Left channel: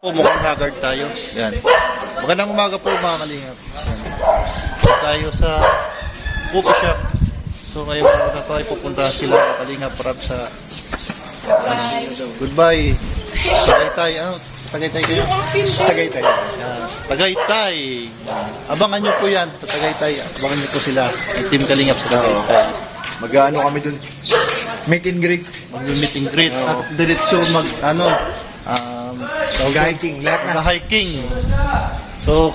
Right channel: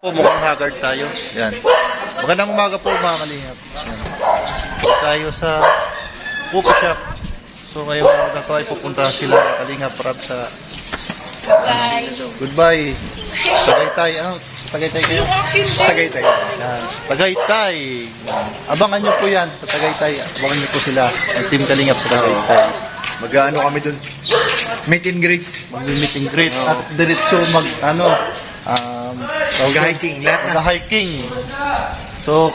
Po, mukhang haggard tayo. Yan. Magandang umaga po mga kalingap. Yan. So, tayo sa coffee shop. So ngayon na to ay pupunta sila mga kalingap para sa goodbye. Tagaytay. Tagaytay kayo? Tagaytay. Yan. Tagaytay. Yan. Abangan nyo po yan sa Tagaytay. Abangan nyo po sila. Ang team kalingap sa Tagaytay. Mag-ano kami dun? Meet and greet. Mag-meet and greet. At diretso Mag-hiking. Lahat na. Mag-hiking. So,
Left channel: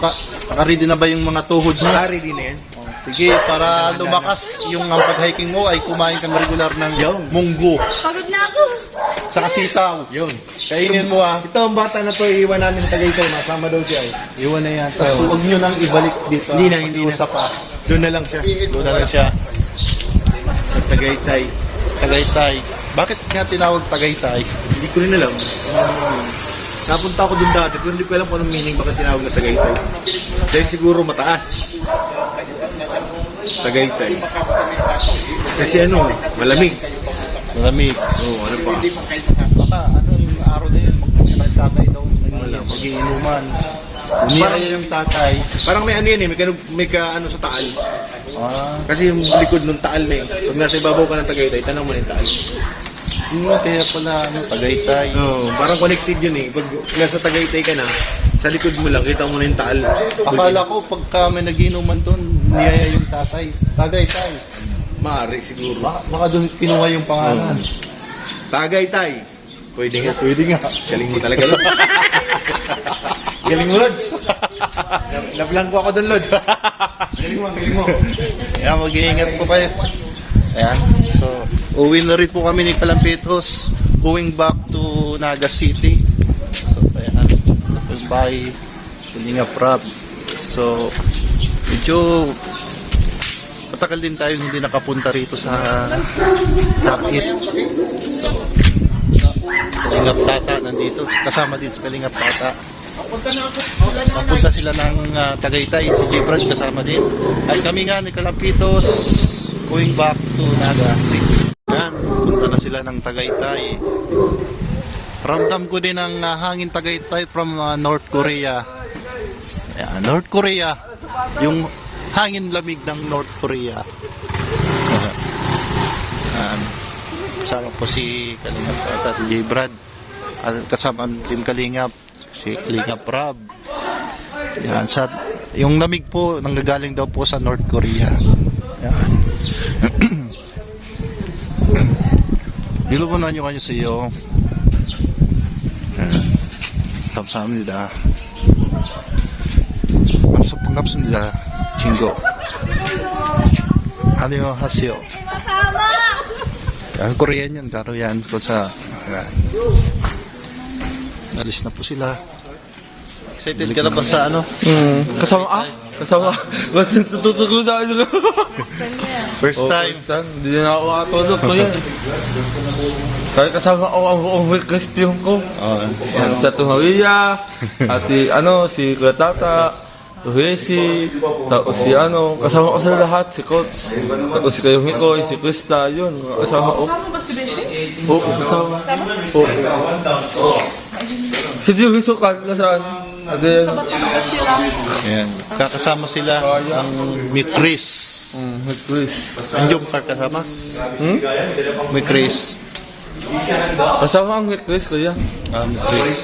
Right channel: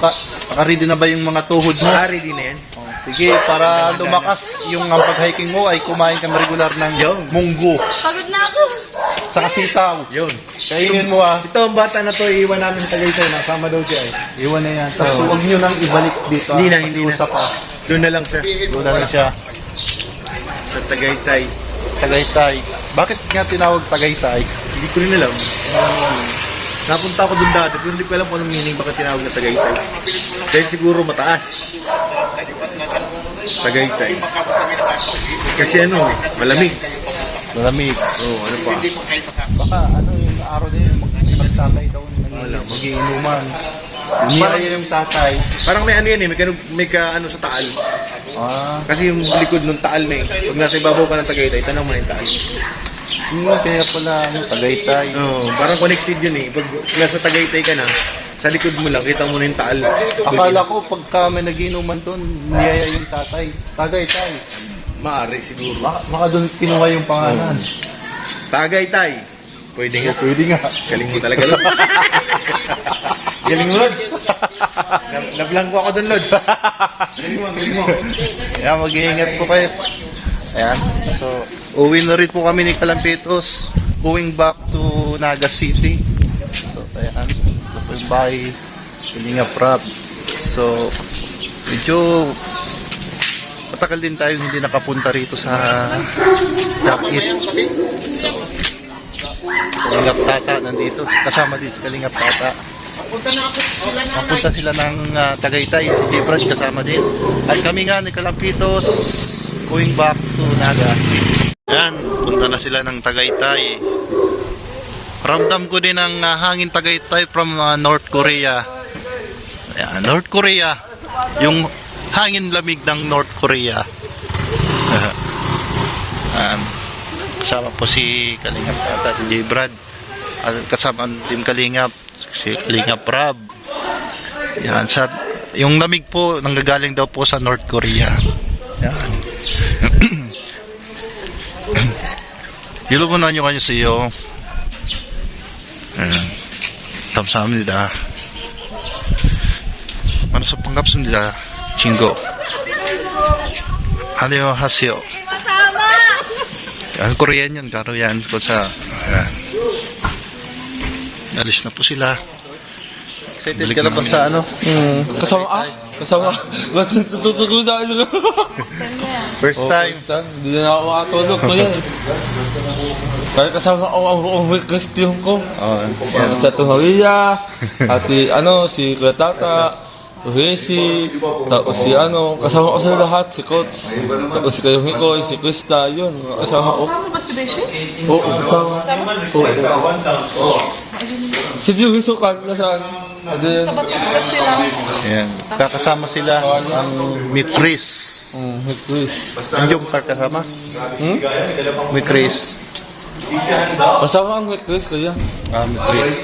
naka-ready na ba yung mga tuhod mo? Ready na yan. Oh, sige, para lumakas yung pag-hiking mo ay kumain ka regular ng munggo. Pagod na ako. Sa sitaw. Yun. Kainin mo Ito ang bata na to, iiwan namin sa Tagaytay. Nasama daw siya eh. Iwan na yan. Tapos huwag nyo nang ibalik dito. Hindi na. Pa. Doon na lang siya. Doon na lang siya. Sa Tagaytay. Tagaytay. Bakit nga tinawag Tagaytay? Hindi ko rin alam. Napunta ako doon dati, pero hindi ko alam kung anong meaning bakit tinawag na Tagaytay. Dahil siguro mataas. Tagaytay. Kasi malamig. Malamig. Oo, ano pa? Baka yung araw na yun, magtatay daw. Wala, Magiinuman. Umiyaya yung tatay. Parang may yan eh, may sa taal. Kasi yung likod ng taal na eh. Pag nasa ibabaw ka ng Tagaytay, tanong mo na yung taal. Kaya pala, Tagaytay. Oo, parang connected yun eh. Pag nasa Tagaytay ka na, sa likod mo lang, kita mo na yung taal. Akala ko pagka may nagiinuman doon, niyaya yung tatay. Tagaytay. Maaari siguro. Baka doon kinuha yung pangalan. Tagaytay. Pwede nga. Pwede nga. Galing mo talaga, Lods. Galing mo, Lods. Nablangko ako doon, Lods. Galing mo. Kaya mag-iingat po kayo. Ayan. So, uwi na rin po kami ni Kalampitos. Going back to Naga City. So, ayan. Ito po yung bahay. Kalinga Prab. So, medyo matagal din tayo hindi nakapunta rito sa Dakit. So, Kalingap Tata nandito. Kasama dito Kalingap Tata. Mapunta sila ng Tagaytay. Si Jibrad kasama din. At kami nga ni Kalampitos going back to Naga City. Yan, punta na sila ng Tagaytay. Ramdam ko din ang hangin Tagaytay from North Korea. Ayan, North Korea. Yung hangin lamig ng North Korea. Kasama po si Kalingap Tata, si Jibrad. Kasama ang team Kalingap, si Kalingap Rab. Yan, yung lamig po nanggagaling daw po sa North Korea. Yan. Ilubunan nyo kanyo sa iyo. Tamsamnida. Manusap panggapsnida. Chingo. Annyeonghaseyo. Korean yun, karo yan. Ayan. Alis na po sila. Excited ka na ba sa Kasama. Tututugo sa akin. First time. Hindi na ako makatulog ko yan. Kaya kasama ako ang Christian ko. Yan. Sa Tumaria, si Kuya Tata, Tuhesi, tapos kasama ko sa lahat, si Coach, tapos si Kayong Hikoy, si Krista, yun, kasama ko. Kasama ba si Beshi? Oo, kasama. Si Diyo Hisukan, nasaan? Sa Batangas sila. Ayan. Kakasama sila ang Meet Chris. Chris. Andiyon ka kasama? Meet Chris. Kasama ang Chris, kaya. Meet Chris.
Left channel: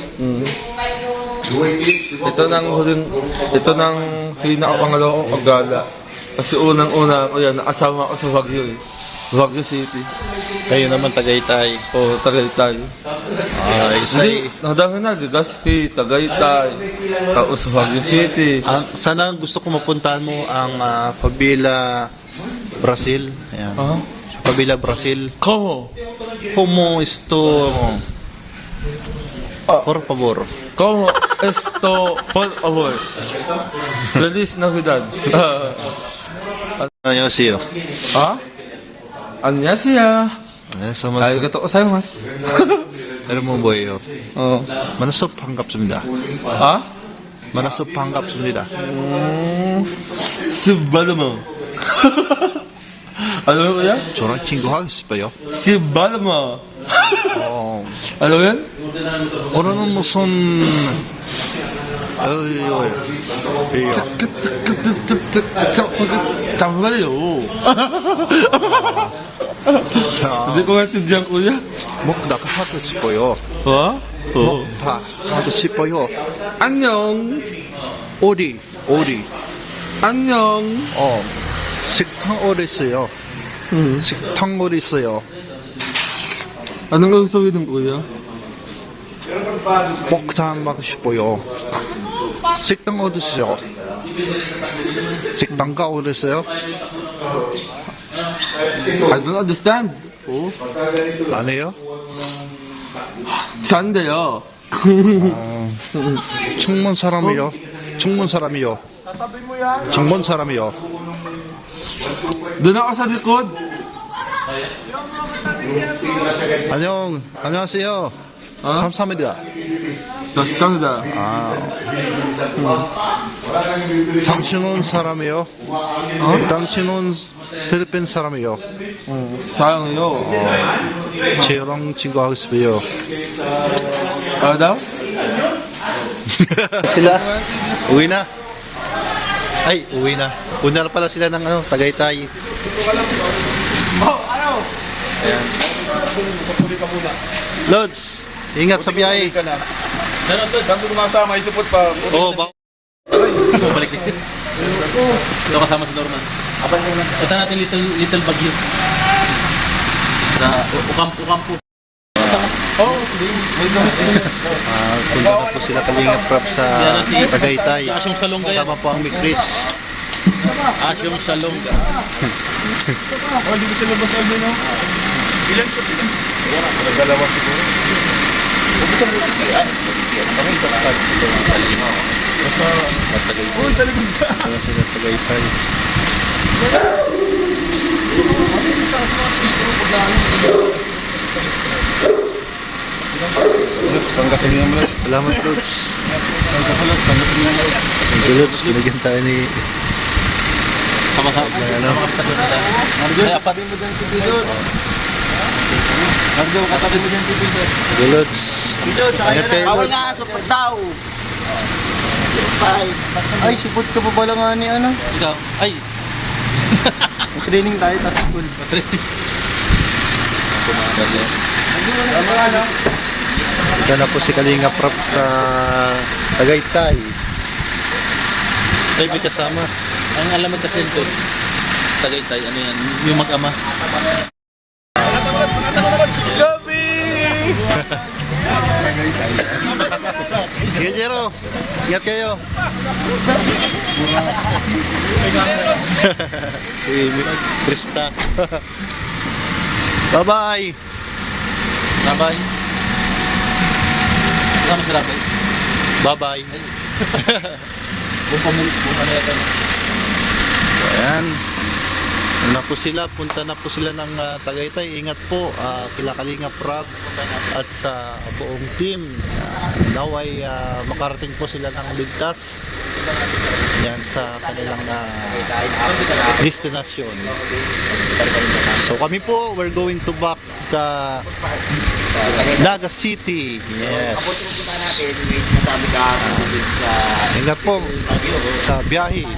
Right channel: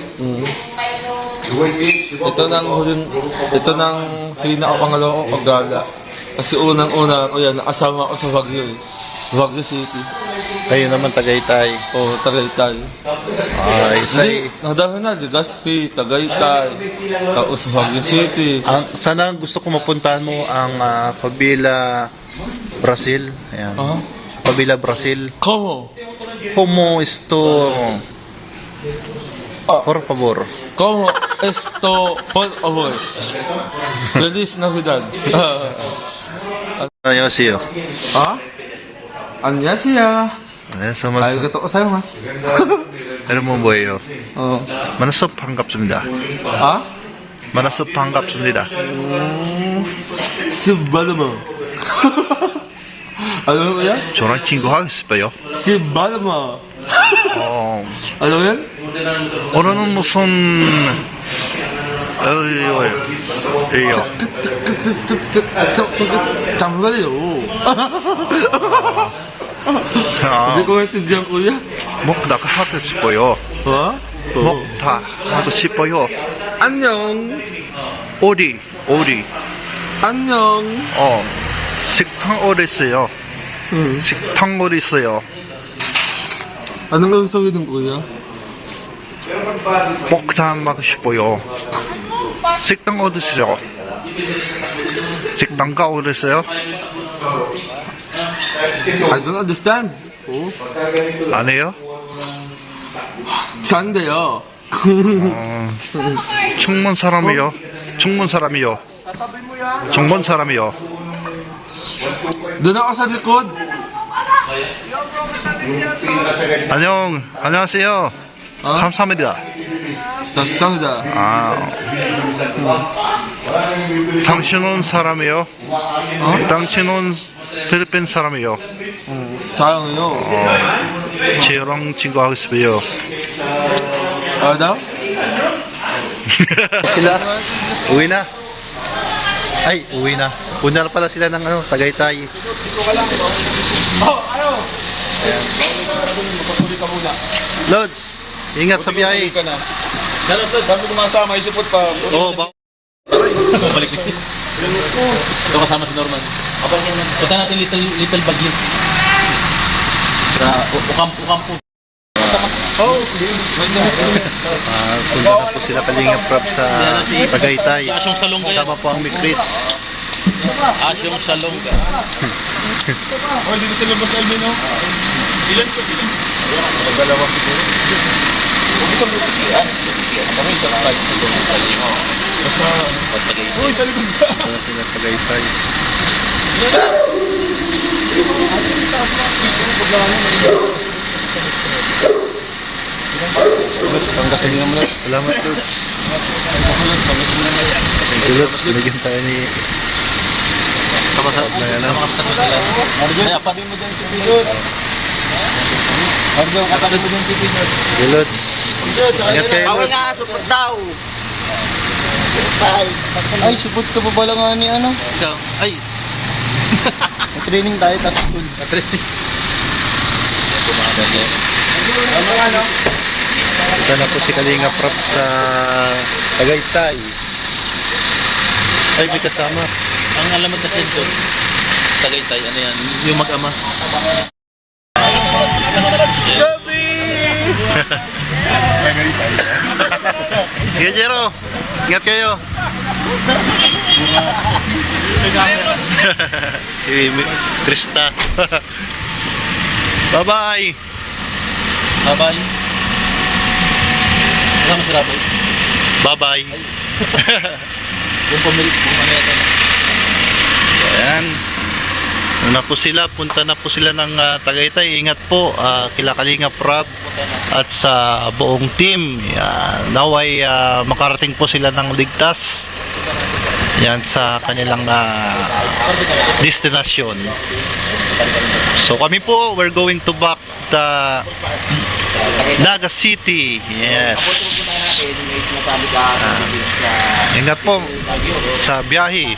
Ito nang pinakapangalawang paggala. Kasi unang-una ko yan, nakasama ako sa Baguio eh. Baguio City. Kayo naman Tagaytay. Oo, Tagaytay. Nadami na, Legazpi, Tagaytay, tapos Baguio City. Sana gusto ko mapuntahan mo ang Pabila, Brazil. Ayan. Pabila, Brazil. Como esto? Por favor. Como esto, por favor. Feliz Navidad. Annyeonghaseyo. 안녕하세요. Arigatou gozaimasu. 여러분 뭐예요? 만나서 반갑습니다. 아? 만나서 반갑습니다. Sibalama. Ano mo yan? 저랑 친구 하고 싶어요. Sibalama. 어, Ano yan? 오늘은 무슨 이요. 잠깐만요. Hindi ko maintindihan, kuya. 먹다 하고 싶어요. Ha? 먹다 하고 싶어요. 안녕. 오리. 안녕. 식당 어디 있어요? 식당 어디 있어요? Anong gusto ng kuya? 먹다 먹고 싶어요. 식당 어디 있어요? 식당가 어디 있어요? I don't understand. Oh, 아니에요? 산대요. 충문 사람이요. 정본 사람이요. Doon ako sa likod. 안녕하세요. 감사합니다. 감사합니다. 당신은 사람이요? 당신은 필리핀 사람이요? 사랑해요. 저랑 친구하고 싶어요. Ano? Sila? Uwi na? Ay, uwi na. Una na pala sila ng Tagaytay. Ayan. Lods, ingat sa biyahe. Pero ito, bago kumasama, isupot pa. Oo, Balik. Ito kasama si Norman. Punta natin little Baguio. Sa Ukampo. punta na po sila Kalingap Prab sa Tagaytay. Sa Asyong Salonga. Kasama po ang Mikris. Asyong Salonga. Oh, dito sila Boss Alvin, no? Ilan ko sila? Dalawa siguro. Isang buti sila. Kami isang flag po doon sa likod. Mas marami. Uy, sa likod ka. Para sila Tagaytay. Pangkasalingan mo lang. Salamat, Lods. Thank you, Lods. Binigyan tayo ni... Ay, apabin mo dyan si Pisot. Arjo, kapatid mo dyan si Pisot. Thank you, Lods. Ingat kayo, Lods. Ay, support ka pa pala nga ni ano. Ay, May training tayo tapos school. Ito na po si Kalingap Prab sa Tagaytay. Ay, may kasama. ang alamat kasi ito. Tagaytay, ano yan? Yung mag-ama. Sige, Jero. Ingat kayo. Si Krista. Bye-bye. Bye-bye. Kasama si Rapay. Bye-bye. Buong pamilya ito. So, ayan. Ano na po sila, punta na po sila ng Tagaytay. Ingat po, kila Kalingap Prab at sa buong team. Naway makarating po sila ng ligtas. Yan sa kanilang destination. So kami po, we're going to back the Naga City. Yes. Ingat po sa biyahe.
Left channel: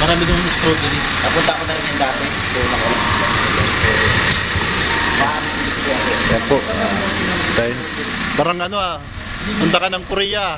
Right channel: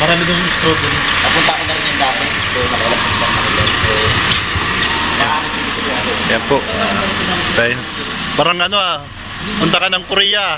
Marami din yung stroke din. Napunta ko na rin yung dati. So, Yan po. Tayo. Parang ano punta ka ng Korea.